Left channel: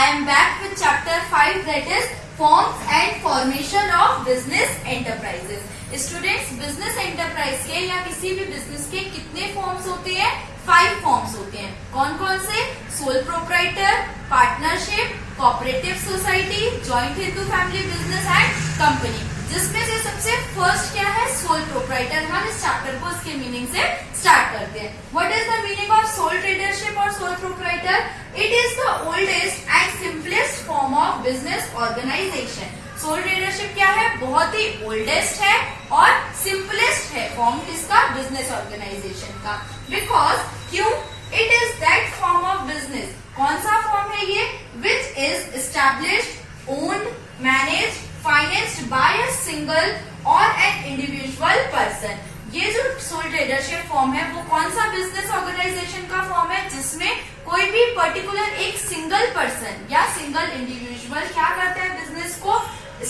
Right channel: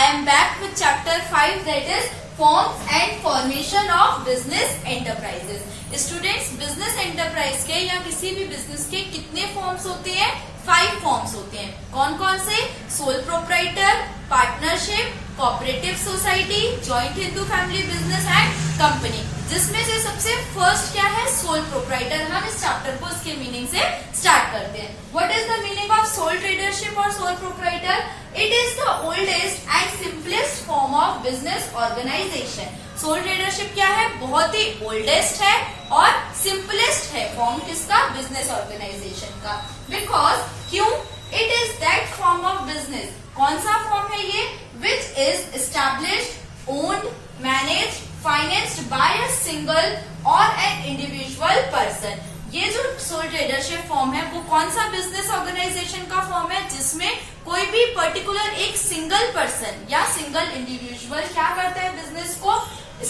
I am back with chapter 5, that is forms and formation of business enterprises. Students, business enterprise के या किसी भी business के कितने forms होते हैं? 5 forms होते हैं. कौन कौन से? Sole proprietor, partnership, cooperative society, joint Hindu family business and company. जिसमें से सबसे फर्स्ट क्या है? Sole proprietor. हम इस चैप्टर को इसके मीनिंग से स्टार्ट करते हैं. What is the meaning of sole tradership और sole proprietor? It is the oldest and simplest form of business organisation. Sole tradership क्या है? बहुत ही ओल्डेस्ट है और सिंपलेस्ट है फॉर्म किसका? बिजनेस ऑर्गेनाइजेशन का. बिकॉज क्यों? It is that form of business. कौन सा फॉर्म है ये? Which is established, owned, managed, financed by a single और एन इंडिविजुअल पर्सन. ये जो सोल ट्रेडरशिप फॉर्म है वो कौन सा बिजनेस ऑर्गेनाइजेशन का फॉर्म है? जिसमें कोई भी पर्टिकुलर एक सिंगल पर्सन या सिंगल इंडिविजुअल क्या करता है? बिजनेस को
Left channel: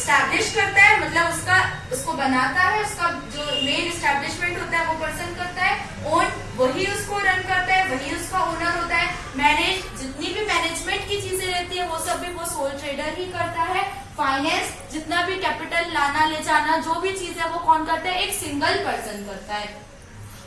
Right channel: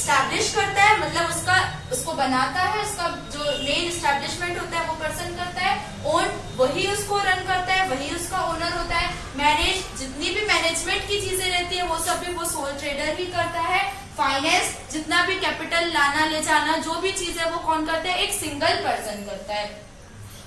स्टैब्लिश करता है, मतलब उसको बनाता है. उसका जो मेन एस्टैब्लिशमेंट होता है वो पर्सन करता है. ओन, वही उसको रन करता है, वही उसका ओनर होता है. मैनेज, जितनी भी मैनेजमेंट की चीजें रहती है वो सब भी वो सोल ट्रेडर ही करता है. फाइनेंस, जितना भी कैपिटल लाना ले जाना जो भी चीज है वो कौन करता है? एक सिंगल पर्सन करता है.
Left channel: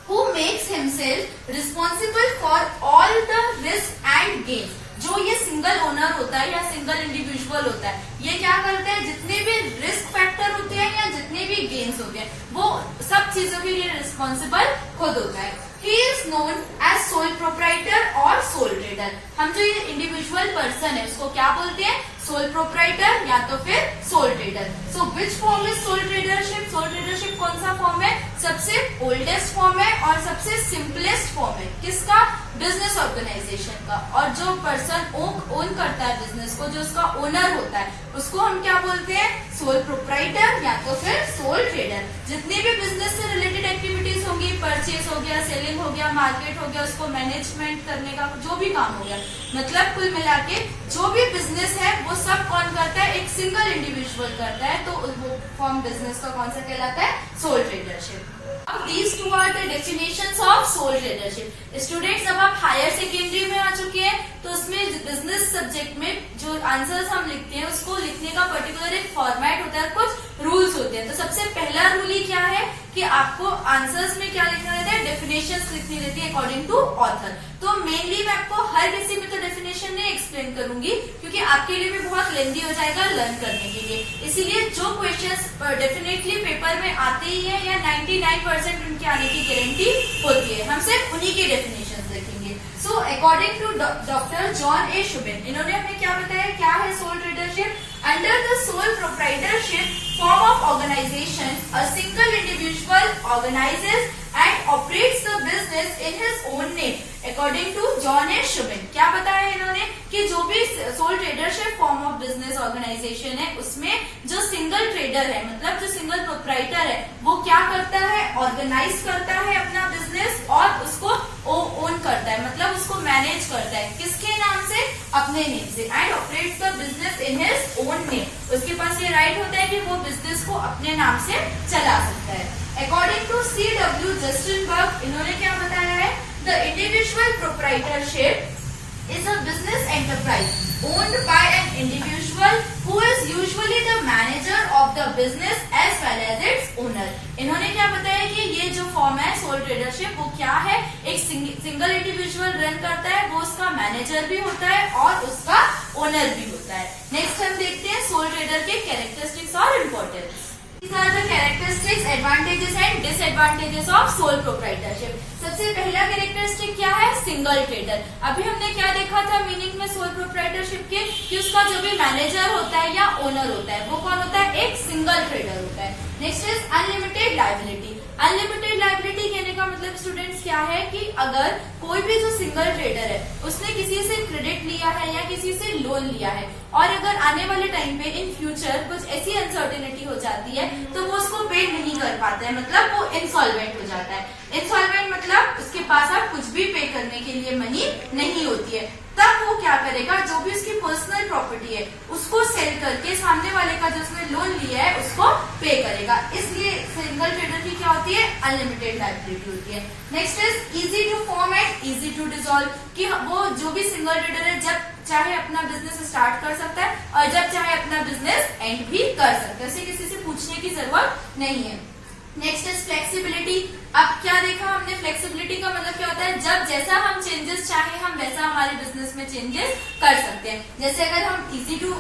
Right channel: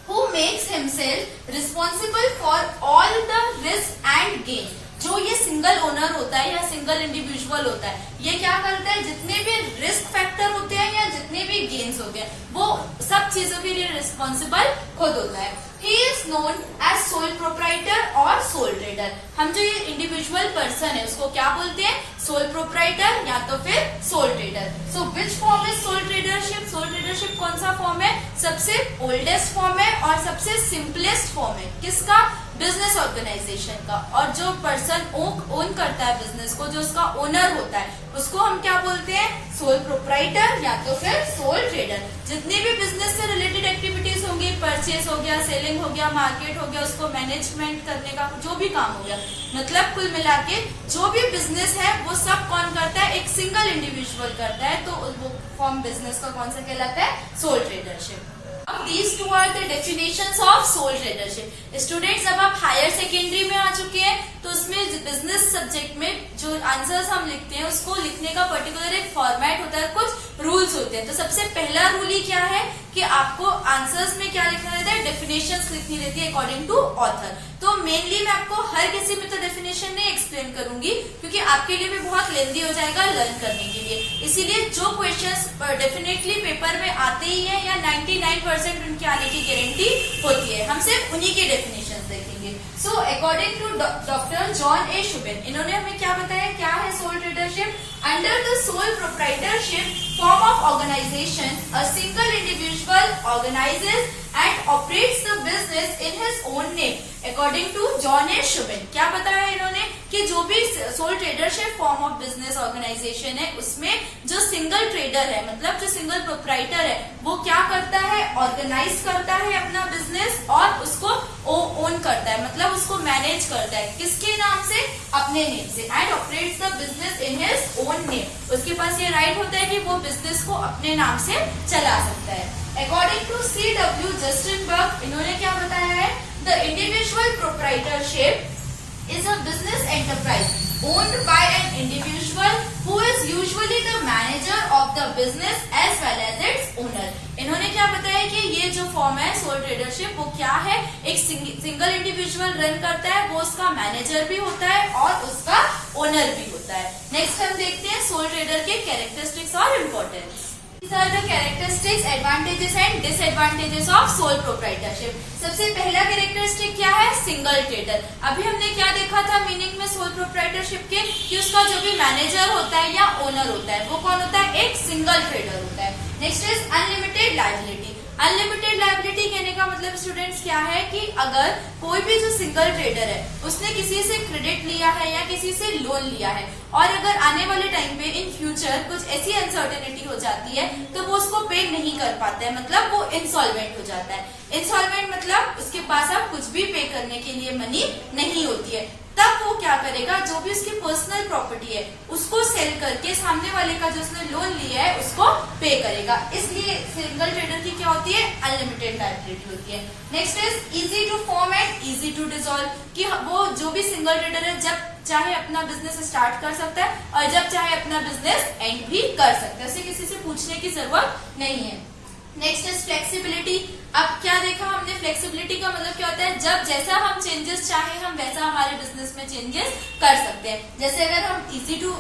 Who makes himself responsible for all the risk and gain. जो ये सिंगल ओनर होता है या सिंगल इंडिविजुअल होता है, ये क्या करता है? जितने भी रिस्क फैक्टर होते हैं या जितने भी गेन्स होते हैं वो सब चीजों के लिए रिस्पॉन्सिबल खुद होता है. He is known as sole proprietor और sole trader. हम जो ये इंडिविजुअल पर्सन है उसको क्या बोलते हैं? सोल प्रोप्राइटर या तो फिर sole trader. So which form is sole tradership? Sole tradership कौन सा फॉर्म है? सबसे ओल्डेस्ट फॉर्म है और सबसे सिंपलेस्ट फॉर्म है. किसका? बिजनेस ऑर्गेनाइजेशन का. और जो पर्सन ओन करता है बिजनेस को, जो उसका ओनर होता है, उसको हम क्या बोलते हैं? सोल प्रोप्राइटर या तो फिर सोल ट्रेडर. जितनी भी बिजनेस से रिलेटेड एक्टिविटीज होंगी, परचेज हो गया, सेलिंग हो गया, मार्केट हो गया, उसको मैनेजमेंट करने का जो भी काम हो गया, मतलब कुल मिला के जो भी बिजनेस है वो सब कौन करता है? एक सिंगल इंडिविजुअल करता है. तो वो फॉर्म बिजनेस का कौन सा कहलाता है? Sole tradership. अब these two are the definitions of sole tradership. Students, अब आप हायर सेकेंडरी में आ चुके हैं तो उसमें बिजनेस सब्जेक्ट में जो आंसर्स हम लिखते हैं उसको लिखने का पर्टिकुलर एक फॉर्मेट होता है, कुछ रूल्स होते हैं. तो सबसे पहला रूल ही क्या है कि आपको आंसर्स में क्या लिखना रहता है? डेफिनेशंस लिखनी रहती है अकॉर्डिंग टू ऑथर. तो मेनली मैं आपको हर किसी में तो डेफिनेशन नहीं एक्सप्लेन करूंगी क्योंकि आपके लिए भी बहुत लेंदी हो जाएगा लर्न करने के लिए. इसीलिए जो क्वेश्चंस डेफिनेटली पेपर में आते ही है या 99% उनके आने की गारंटी होती है, हम सिर्फ उन्हीं के डेफिनेशन देखेंगे. So according to doctor John A Shubin, इन्होंने हमें क्या बताया? क्या है sole tradership? Under the sole proprietorship form of organisation a single individual organises and operates the business in his own name. According to John A Shubin, क्या बताया इन्होंने? कि जो भी sole tradership form of business organisation है उसमें जो single trader है, मतलब जो सिंगल प्रोप्राइटर है, वो क्या करता है? ऑर्गेनाइज करता है अपना बिजनेस और उसको ओन करता है, मतलब उसको मैनेज करता है. किसके नाम से? अपने नेम से. And operates the business in his own name. उसके पास ये राइट होता है कि वो बिजनेस को अपने नाम से चला सकता है. According to C.W. जस्टिनबर्ग, इन्होंने क्या बताया है? The individual proprietorship is a business enterprise owned by an individual who is usually the manager of the business as well as its owner. इन्होंने क्या बताया कि ये जो फॉर्म है सोल ट्रेडरशिप वो क्या है? एक सिंगल इंडिविजुअल रन करता है, वो उसका मैनेजर भी होता है और उसका ओनर भी होता है. नेक्स्ट हम देखते हैं सोल ट्रेडर के कैरेक्टरिस्टिक्स और importance. These are the characteristics, advantages and disadvantages of sole proprietorship. सबसे पहला कैरेक्टरिस्टिक क्या है? Single trader. अभी हमने क्या देखा था मीनिंग में सोल प्रोप्राइटरशिप के कि उसका जो भी मैनेजर होता है या ओनर होता है वो कौन होता है? एक सिंगल ट्रेडर होता है. Next is unlimited liability. Unlimited liability कहने का मतलब स्टूडेंट्स क्या है कि अगर कोई भी जो सिंगल ट्रेडर है उसने किसी से क्रेडिट लिया है या किसी से लोन लिया है और अगर आने वाले टाइम पे इन फ्यूचर कुछ ऐसी अनसर्टेनिटी हो जाती है तो वो उसको पे नहीं कर पाता है, मतलब वो इंसॉल्वेंट हो जाता है. इंसॉल्वेंट मतलब उसके पास अब कुछ भी पे करने के लिए मनी नहीं होती है. तब वो क्या करेगा? जो भी उसकी पर्सनल प्रॉपर्टी प्रॉपर्टी है उसको सेल करके सामने वाले का जो उसने लोन लिया है उसको पे करेगा। इसलिए सिंगल ट्रेडर की क्या होती है, अनलिमिटेड लायबिलिटी होती है। Next is easy to form and easy to dissolve, कि वो जो भी सिंगल ट्रेडर है जब चाहे अपना बिजनेस स्टार्ट कर सकता है और जब चाहे अपना बिजनेस एंड भी कर सकता है, उसे किसी से पूछने की जरूरत नहीं है। Next is flexibility. अब क्या देखा हमने, फ्लेक्सिबिलिटी का मतलब क्या होता है, जब जैसा हम चेंजेस चाहे हम वैसा हमारे बिजनेस में चेंजेस कर सकते हैं। जैसे अगर हम इजी टू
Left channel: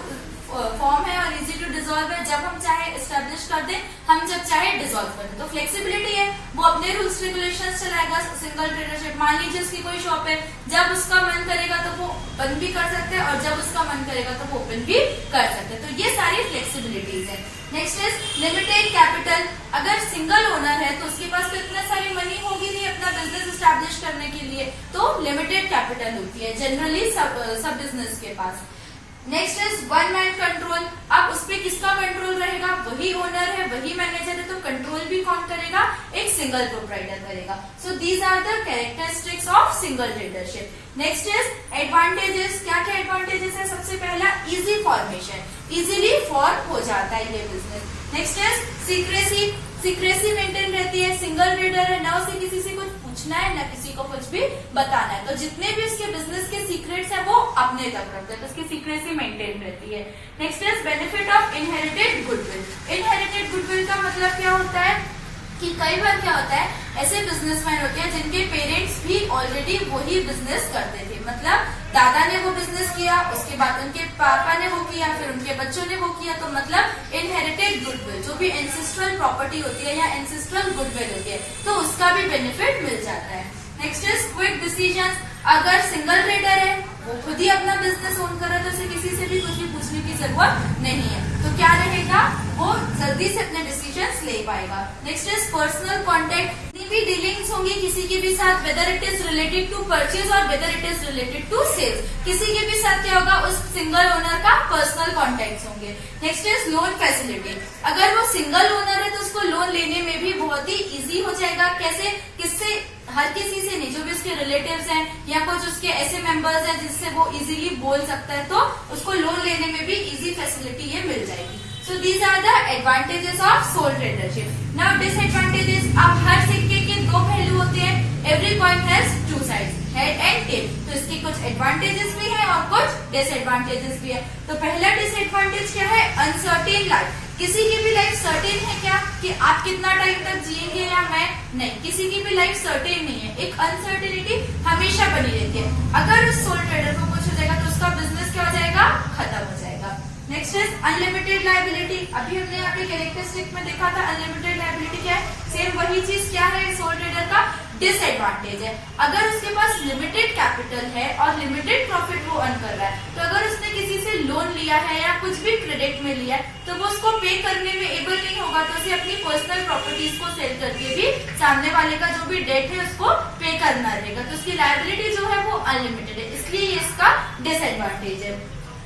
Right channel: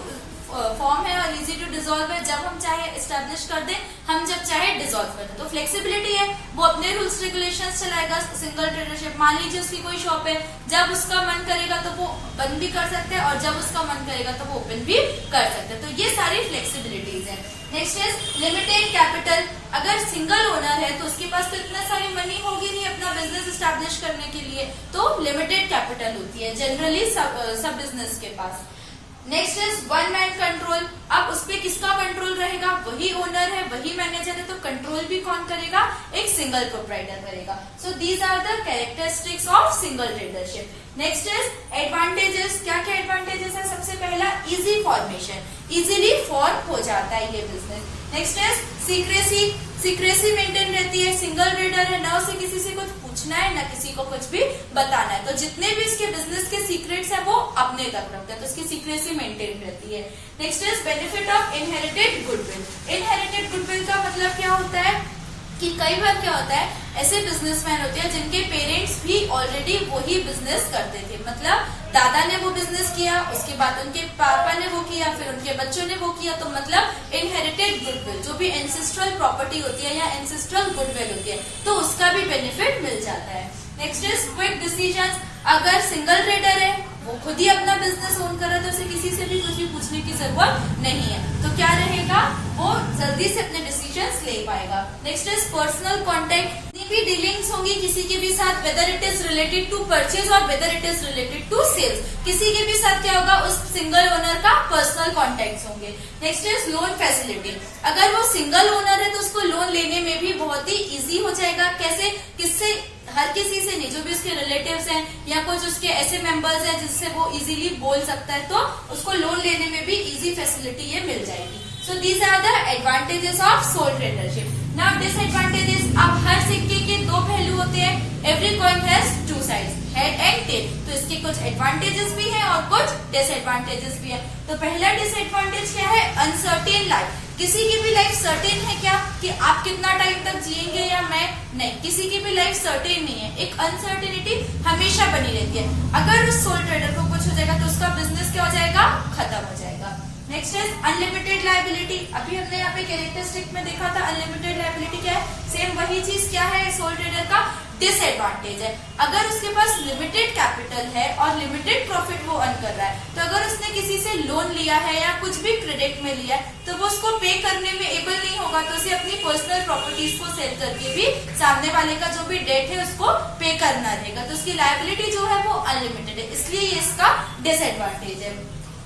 फॉर्म है और इजी टू डिसॉल्व है, जब हम चाहे एस्टेब्लिश कर दें, हम जब चाहे डिसॉल्व कर दें। तो फ्लेक्सिबिलिटी है, वो अपने रूल्स रेगुलेशंस चलाएगा। सिंगल ट्रेडरशिप, मान लीजिए उसकी कोई शॉप है, जब उसका मन करेगा तो वो बंद भी कर सकते हैं और जब उसका मन करेगा तो वो ओपन भी कर सकते हैं। तो ये सारी फ्लेक्सिबिलिटीज है। Next is limited capital. अगर सिंगल ओनर है तो उसके पास तो इतना सारी मनी होगी नहीं अपना बिजनेस स्टैब्लिश करने के लिए, तो लिमिटेड कैपिटल होती है जनरली सब बिजनेस के पास। Next is one man control. अब उस पे किसका कंट्रोल रहेगा, वही ओनर है, वही मैनेजर है, तो कंट्रोल भी कौन करेगा, एक सिंगल प्रोप्राइटर करेगा। So these are the characteristics of single tradership. Next is advantages. क्या क्या एडवांटेजेस है, सबसे पहला इजी फॉर्मेशन, इजीली फॉर्म हो जाता है ये business. Next is secrecy, secrecy maintain रहती है। सिंगल ट्रेडर है, ना उसे किसी से कुछ पूछना है, ना किसी को कुछ भी बताना है, तो जितने भी इसके बिजनेस के सीक्रेट्स हैं वो अपने तक रखते हैं, तो उसकी सीक्रेसी मेंटेन रहती है। Next is benefit of inherited goodwill. Inherited goodwill का मतलब क्या होता है कि कई बार क्या होता है, ऐसे बिजनेसमैन होते हैं जिनके पेरेंट्स भी ऑलरेडी वही बिजनेस करते थे, मतलब दादा ने वो बिजनेस किया, उसके बाद उनके पापा ने वो किया, फिर उनके बच्चों ने वो किया, तो मतलब इनहेरिटेड गुडविल, जो भी एंसेस्ट्रल प्रॉपर्टी होती है या एंसेस्ट्रल गुडविल होती है, तो उसका भी बेनिफिट मिल जाता है। Next is quick decision. अगर सिंगल ट्रेडर है, वो खुद ही अपना बिजनेस ओन कर रहा है, तो उसे किसी से भी कुछ भी पूछने की जरूरत नहीं है, तो क्या रहेगा, वो जल्दी से अपने डिसीजंस ले पाएगा। Next is personal contact. जितनी भी डीलिंग्स होंगी किसी के भी साथ, whether it is related to purchase or whether it is related to sales, किसी के भी साथ क्या होगा, उस सिंगल ओनर का पर्सनल कॉन्टेक्ट होंगे। Next is loan facility. अगर वो सिंगल ओनर है तो उसको लोन लेने में भी बहुत ही इजी हो जाएगा। कैसे, किससे, हर किसी से नहीं, जो भी उसके रिलेटिव्स हैं या कुछ उसके ऐसे मेंबर्स हैं जिससे वो इजीली बोल सकता है, तो उसको लोन लेने में भी इजी फैसिलिटी ये मिल जाएगी। So these are the advantages of sole tradership. Now disadvantages. अब हर सिक्के के दो पहलू होते हैं, every coin has two sides, head and tail, तो इसके कुछ एडवांटेजेस भी हैं और कुछ डिसएडवांटेजेस भी है। तो पहला डिसएडवांटेज क्या है, अनसर्टेन लाइफ। किसी की भी लाइफ सर्टेन है क्या, कि आप कितना टाइम तक जिएंगे या मैं, नहीं, किसी की भी लाइफ सर्टेन नहीं है, एक अनसर्टेनिटी हमेशा बनी रहती है। अगर उस सोल ट्रेडर को कुछ हो जाएगा तो उसका बिजनेस क्या हो जाएगा, खत्म हो जाएगा। Next is unlimited liability. अभी हमने यहाँ पे कैरेक्टरिस्टिक में देखा था अनलिमिटेड लायबिलिटी क्या है, सेम वही चीज क्या है सोल ट्रेडर का डिसएडवांटेज है। अगर उसके पास लिमिटेड कैपिटल है और लिमिटेड प्रॉफिट वो अर्न कर रहा है, तो अगर उसने किसी से लोन लिया है या कुछ भी क्रेडिट में लिया है, तो वो उसको पे करने में एबल नहीं होगा, तो उसे अपनी पर्सनल प्रॉपर्टीज को सेल करके भी सामने वाले का जो भी डेट है उसको पे करना रहेगा, तो उसकी लायबिलिटी जो है वो अनलिमिटेड है, इसलिए ये इसका डिसएडवांटेज है।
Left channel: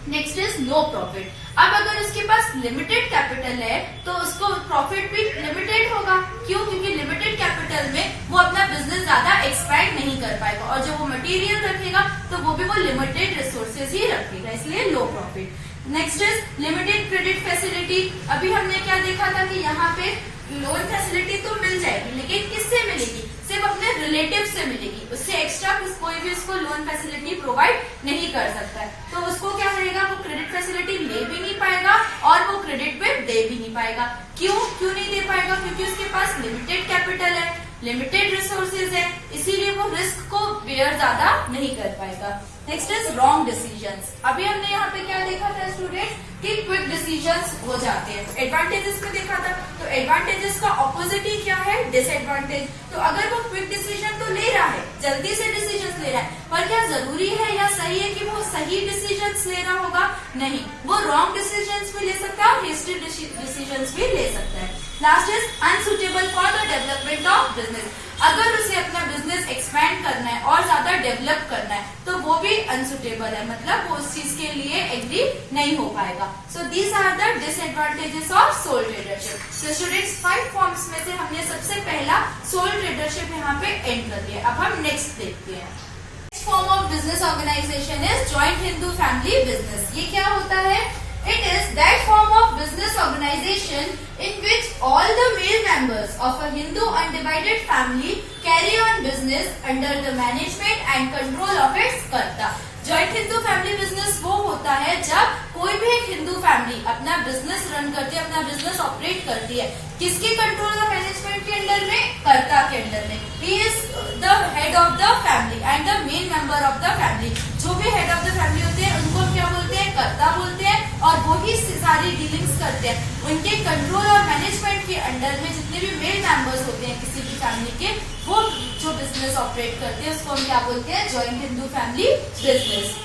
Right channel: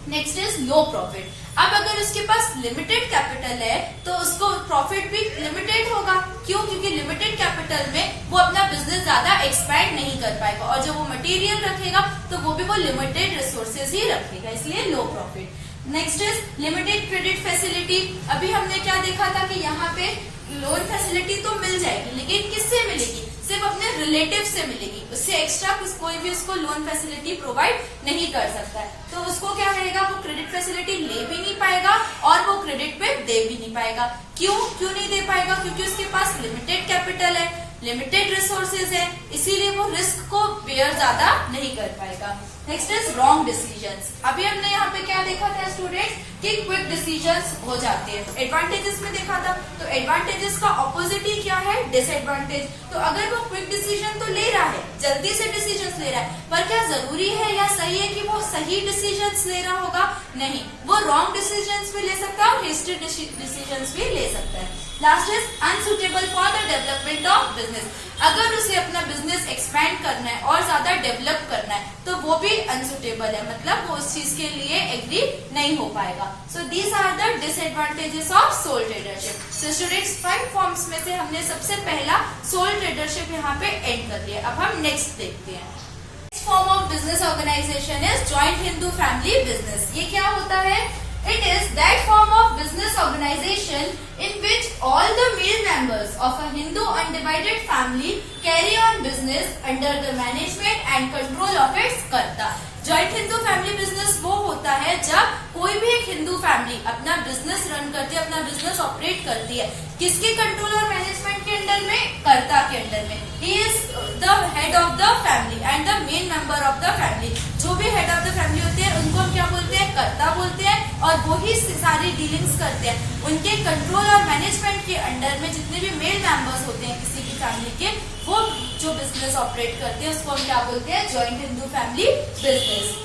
Next is low profit. अब अगर उसके पास लिमिटेड कैपिटल है तो उसको प्रॉफिट भी लिमिटेड होगा। क्यों, क्योंकि लिमिटेड कैपिटल में वो अपना बिजनेस ज्यादा एक्सपैंड नहीं कर पाएगा और जो वो मटेरियल रखेगा तो वो भी वो लिमिटेड रिसोर्सेज ही रखेगा, इसलिए low profit. Next is limited credit facility. अभी हमने क्या देखा था कि यहाँ पे लोन फैसिलिटी तो मिल जाएगी, लेकिन किससे मिलेगी, सिर्फ अपने रिलेटिव से मिलेगी, उससे एक्स्ट्रा कोई भी उसको लोन फैसिलिटी प्रोवाइड नहीं कर सकता है, तो उसको क्या रहेगा, वो क्रेडिट फैसिलिटी ले भी नहीं पाएगा और वो क्रेडिट पे दे भी नहीं पाएगा। क्यों नहीं दे पाएगा, क्योंकि उसके पास लिमिटेड कैपिटल है, लिमिटेड रिसोर्सेज है, इसीलिए वो रिस्क को बेयर ज्यादा नहीं कर पाएगा। Next is wrong decisions. अभी हमने यहाँ पे क्या देखा था स्टूडेंट्स, कि क्विक डिसीजंस हो जाते हैं। एडवांटेजेस में देखा था, तो एडवांटेजेस का ऑपोजिट ही क्या है, डिसएडवांटेज। तो अगर वो क्विक डिसीजन तो ले रहा है, जल्दी से डिसीजंस ले रहा है, पर क्या जरूरी है या सही है कि वो सही डिसीजंस ले रहा होगा, नहीं, वो रॉन्ग डिसीजंस भी ले सकता है और हेस्टी डिसीजंस भी ले सकता है। Last is unsuitable for the development of business. अगर उसे अपना बिजनेस एक्सपैंड करना है और ज्यादा डेवलप करना है तो वो भी अनसुटेबल है, मतलब वो उस चीज के लिए एग्री नहीं हो पाएगा। So these are the disadvantages of sole tradership. So students 5 forms में से हमने सबसे पहला सोल ट्रेडरशिप यहाँ पे एंड कर लिया। अब हम नेक्स्ट देखते हैं। Form of business organisation is joint Hindu family business. ये क्या होता है? It is that form of business organization in which all the male members of a Hindu undivided family carry on business under the management and control of its कर्ता। Joint Hindu family business वो होता है जब कोई भी एक Hindu family अपना business run करती है, अपना बिजनेस ऑपरेट करती है। किसके कंट्रोल और मैनेजमेंट के अंडर में? कर्ता के अंडर में। He is the head of the family and the main member of the family. जो भी हेड ऑफ द फैमिली होते हैं उनको हम क्या बोलते हैं? कर्ता बोलते हैं। और वो ही सारी डीलिंग्स करते हैं। उनके कंट्रोल और मैनेजमेंट के अंडर में जितने भी मेल मेंबर्स होते हैं किसी भी फैमिली के, वो जो बिजनेस ऑपरेट करते हैं उसको हम क्या बोलते हैं? Joint Hindu family business.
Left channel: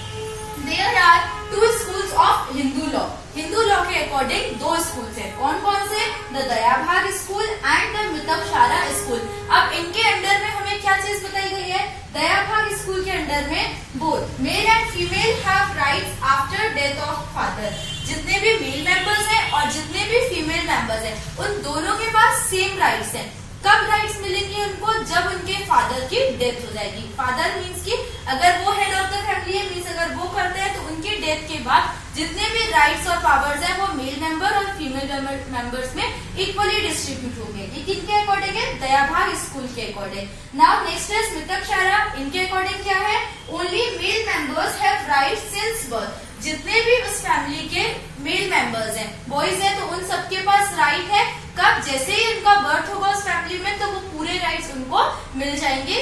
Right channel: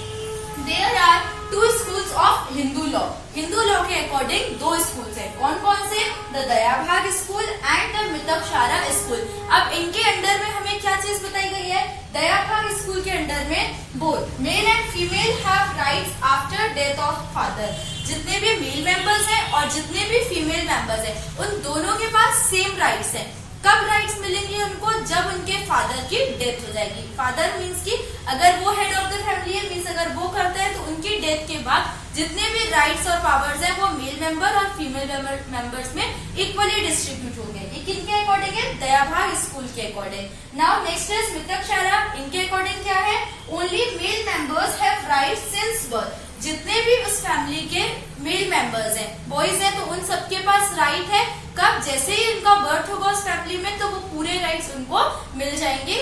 There are two schools of Hindu law. Hindu law के अकॉर्डिंग दो स्कूल्स हैं। कौन कौन से? The Dayabhaga school and the Mitakshara school. अब इनके अंडर में हमें क्या चीज बताई गई है? दयाभाग स्कूल के अंडर में both male and female have rights after death of father. जितने भी मेल मेंबर्स हैं और जितने भी फीमेल मेंबर्स हैं उन दोनों के पास सेम राइट्स हैं। कब राइट्स मिलेंगे उनको? जब उनके फादर की डेथ हो जाएगी। फादर मीन्स की अगर वो हेड ऑफ द फैमिली है, मीन्स अगर वो करते हैं तो उनकी डेथ के बाद जितने भी राइट्स और पावर्स हैं वो मेल मेंबर और फीमेल मेंबर्स में इक्वली डिस्ट्रीब्यूट होंगे। ये किनके अकॉर्डिंग है? दयाभाग स्कूल के according. Now next is Mitakshara. इनके अकॉर्डिंग क्या है? Only male members have rights since birth. जितने भी उस फैमिली के मेल मेंबर्स हैं, बॉयज हैं, तो उन सबके पास राइट है। कब? जैसे ही उनका बर्थ होगा उस फैमिली में तो वो पूरे राइट्स उनको मिल जाएंगे।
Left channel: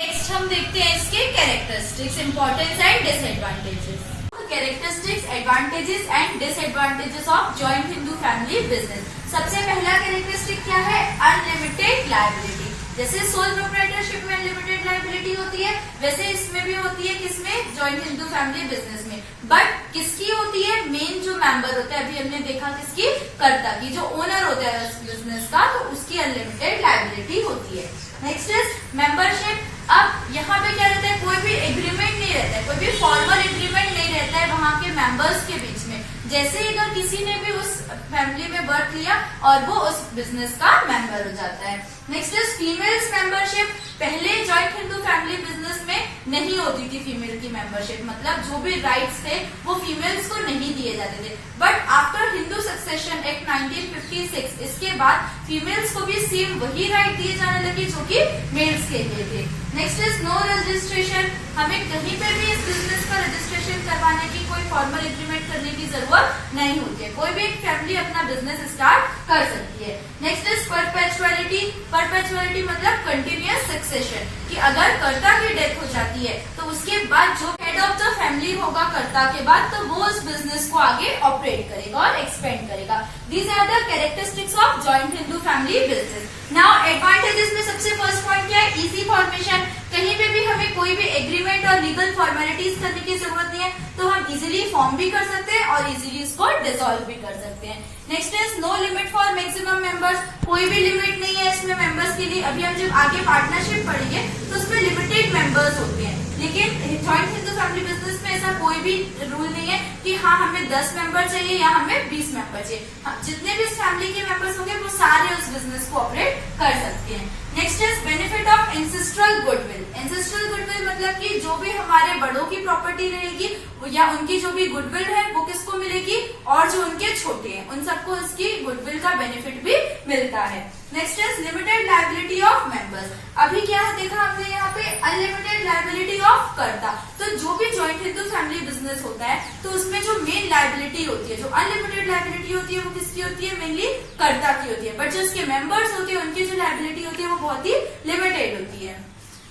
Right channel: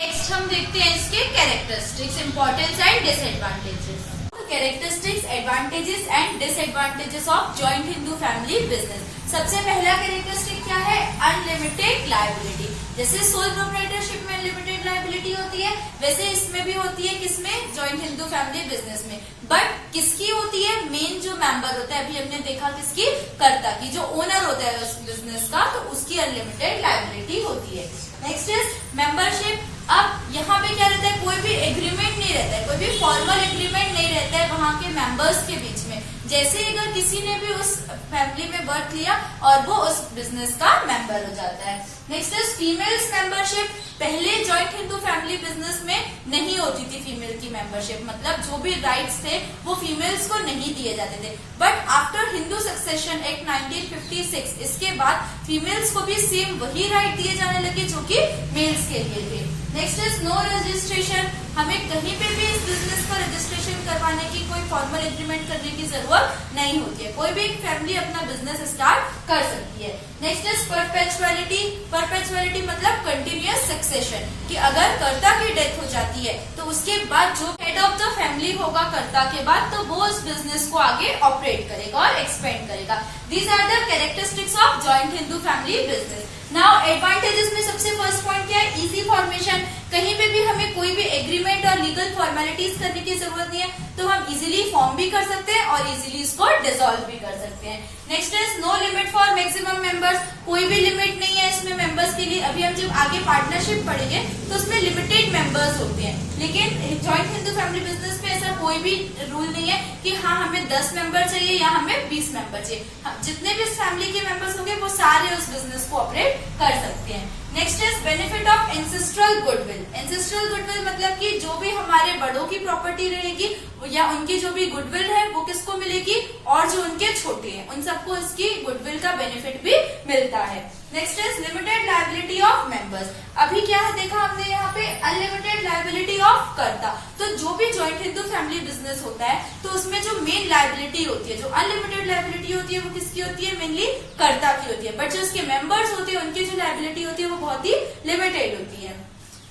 नेक्स्ट हम देखते हैं इसके characteristics, importance and disadvantages. Characteristics, advantages and disadvantages of joint Hindu family business. सबसे पहला कैरेक्टरिस्टिक क्या है? Unlimited liability. जैसे सोल प्रोप्राइटरशिप में अनलिमिटेड लायबिलिटी होती है, वैसे इसमें भी होती है। किसमें? जॉइंट हिंदू फैमिली बिजनेस में। बट किसकी होती है? मेन जो मेंबर होता है, अभी हमने देखा किसकी? कर्ता की। जो ओनर होता है उस बिजनेस का, तो उसकी अनलिमिटेड लायबिलिटी होती है। Next is membership. अब यहाँ पे क्या रहता है? कोई भी एग्रीमेंट नहीं रहता है, कोई भी फॉर्मल एग्रीमेंट नहीं रहता है वहाँ के मेंबर्स के बीच में। जैसे ही अगर किसी ने भी उस फैमिली में बर्थ लिया और वो उस बिजनेस का मेंबर हो जाता है। Next is females membership. पहले जॉइंट हिंदू फैमिली बिजनेस में नहीं होती थी फीमेल की मेंबरशिप, मतलब जो भी राइट्स थे वो फीमेल्स को नहीं दिए जाते थे। But after Hindu succession act 1956, इसके बाद फीमेल्स को भी सेम वही राइट दिए जाने लगे जो कि मेल्स के लिए थे। Next is no registration. हमें कहीं पे भी इस बिजनेस का रजिस्ट्रेशन करवाने की, कोई फॉर्मल एग्रीमेंट करने की जरूरत नहीं होती है। कोई भी एक फैमिली अपना बिजनेस स्टार्ट कर सकती है। Next is परपेचुअलिटी। परपेचुअलिटी मतलब कंटिन्यूअस सक्सेशन, कि अगर कर्ता की डेथ हो जाती है तो उसके बाद जो हेड ऑफ द फैमिली होगा कर्ता के बाद, तो वो उस बिजनेस को आगे ऑपरेट करेगा और एक्सपेंड करेगा। These are the characteristics of joint Hindu family business. Now advantages में सबसे फर्स्ट पॉइंट क्या है? Easy formation. कहीं पे भी हमें कोई भी एग्रीमेंट और लीगल फॉर्मेलिटीज करने की जरूरत नहीं है, तो हम इजीली फॉर्म भी कर सकते हैं और इजीली उसको डिसॉल्व भी कर सकते हैं। Next is no limit for maximum members. कोई भी लिमिट नहीं है इसमें मेंबर्स के लिए। अभी हम जब आगे पार्टनरशिप पढ़ेंगे तो उसमें लिमिटेड मेंबर्स होते हैं, लेकिन जॉइंट हिंदू फैमिली बिजनेस में ऐसा कोई भी रूल नहीं है कि हाँ हमें 10 मेंबर चाहिए या हमें 20 मेंबर चाहिए। जितने भी इस फैमिली के मेंबर्स होंगे वो सारे उस बिजनेस को ऑपरेट कर सकते हैं। Next is benefit of ancestral goodwill. Ancestral goodwill मतलब कि जो भी हमारे बड़ों की प्रॉपर्टी रहेगी या उनकी जो भी गुडविल है वो किसको मिलेगी? और जो उनके छोटे हैं उन सबको इसकी गुडविल का बेनिफिट भी मिलता है। Next is limited liability of members. अभी क्या देखा हमने यहाँ पे? अनलिमिटेड लायबिलिटी ऑफ कर्ता। तो जो भी जॉइंट हिंदू फैमिली बिजनेस होता है तो उसमें जो मेन लायबिलिटी होती है, जो अनलिमिटेड लायबिलिटी होती है, वो किसकी होती है? मेनली कर्ता की होती है। बट जो उसके मेंबर्स होते हैं उनकी जो लायबिलिटी होती है वो बहुत ही लिमिटेड होती है।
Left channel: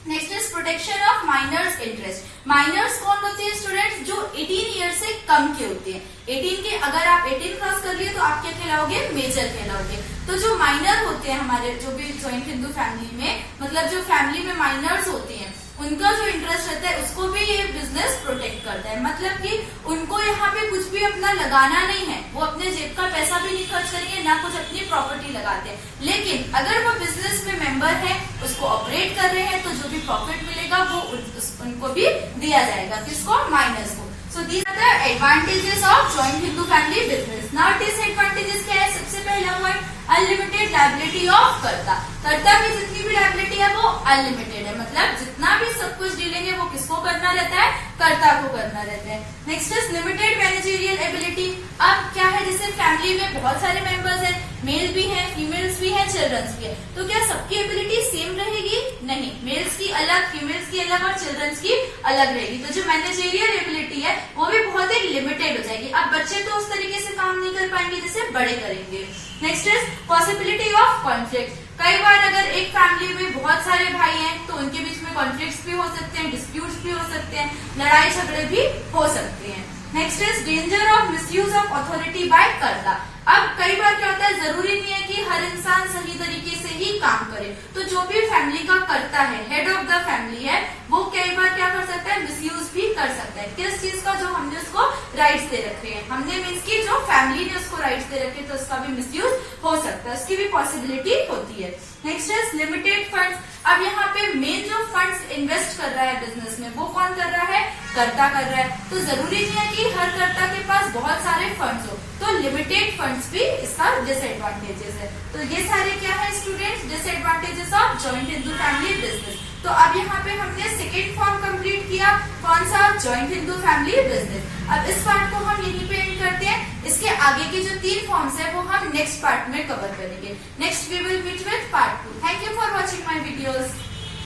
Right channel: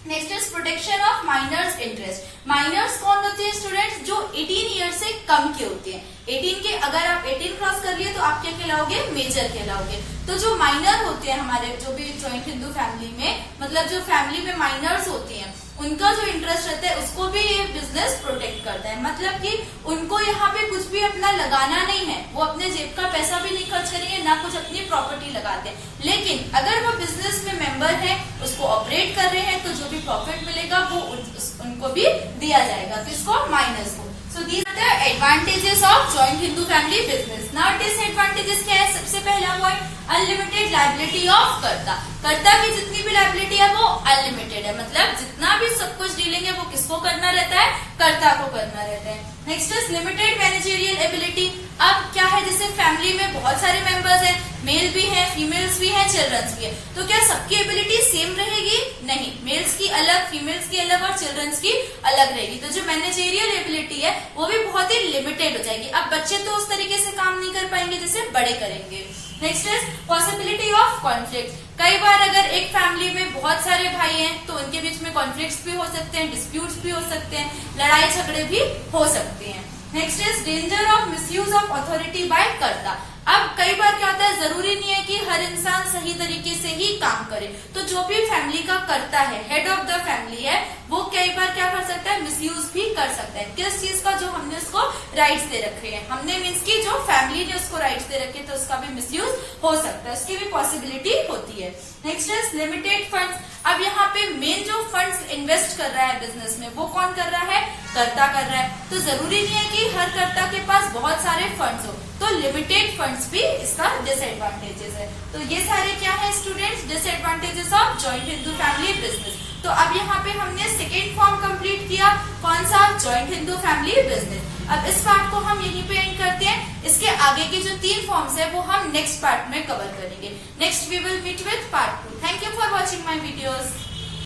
Next is protection of minors interest. Minors कौन होते हैं स्टूडेंट्स? जो 18 ईयर से कम के होते हैं। 18 के अगर आप 18 क्रॉस कर लिए तो आप क्या कहलाओगे? मेजर कहलाओगे। तो जो माइनर होते हैं हमारे जो भी जॉइंट हिंदू फैमिली में, मतलब जो फैमिली में माइनर्स होते हैं उनका जो इंटरेस्ट रहता है उसको भी ये बिजनेस प्रोटेक्ट करता है। मतलब कि उनको यहाँ पे कुछ भी अपना लगाना नहीं है, वो अपने जेब का पैसा भी नहीं खर्च करेंगे, ना कुछ अपनी प्रॉपर्टी लगाते हैं। लेकिन अगर वो बिजनेस में मेंबर है, उसको ऑपरेट कर रहे हैं, तो जो भी प्रॉफिट मिलेगा वो उनको भी दिया जाएगा। किसको? माइनर्स को। So these are the advantages of joint Hindu family business. Now disadvantages क्या है? सबसे पहला पॉइंट अनलिमिटेड लायबिलिटी ऑफ कर्ता। कर्ता की जितनी भी लायबिलिटी है वो अनलिमिटेड है, मतलब जितना भी सब कुछ डीलिंग है वो किसको करना रहता है? कर्ता को करना रहता है। Next is limited managerial ability. अब क्या है, जैसे फैमिली में बहुत सारे मेंबर्स हैं, मेल भी हैं, फीमेल्स भी हैं, चिल्ड्रंस भी है, तो क्या सबकी एबिलिटी सेम रहेगी? नहीं, मेल्स की अलग, फीमेल्स की अलग और चिल्ड्रंस की अलग रहेगी। तो जो मैनेजरियल एबिलिटी है वो भी बहुत ही लिमिटेड हो जाएगी। अब बच्चे तो उस तरीके से काम नहीं कर पाएंगे जैसे बड़े करेंगे। Next is possibility of conflict. कई बार अगर एक फैमिली में बहुत सारे भाई हैं तो उनके बीच में कॉन्फ्लिक्ट्स भी हो सकते हैं, डिस्प्यूट्स भी हो सकते हैं, लड़ाई झगड़े भी हो सकते हैं। Next is danger of misuse of authority bye कर्ता। अब कई बार क्या होता है, जरूरी नहीं है कि हर इंसान सही तरीके से ही काम करे, तो जो भी फैमिली का कर्ता है, हेड ऑफ द फैमिली है, वो कई बार क्या कर सकता है, मिसयूज भी कर सकता है। किस चीज का? जो हमने उसको राइट्स दे रखे हैं, हमने मीन्स की जो फैमिली ने उसको राइट्स दे रखे, तो उसका भी मिसयूज हो सकता है, उसकी भी पॉसिबिलिटी होती है। Next is limited funds. अब यहाँ पे मेन जो फंड्स इन्वेस्ट कर रहा है बिजनेस में, वो कौन कर रहा है? कर्ता कर रहा है। तो जरूरी नहीं है कि हर कर्ता के पास बहुत सारे फंड्स हो, तो लिमिटेड फंड्स भी इसका डिसएडवांटेजेस है। तो ये सारे क्या है students, disadvantages of joint Hindu family business. तो अब यहाँ पे हमने सेकेंड फॉर्म कंप्लीट किया, कौन सा? Joint Hindu family business. अब इस पार्ट को हम यहीं पे एंड करते हैं। इसके आगे के जो 3 फॉर्म्स है वो हम नेक्स्ट पार्ट में कवर करेंगे। Next we will meet with part 2। Thank you for watching my videos.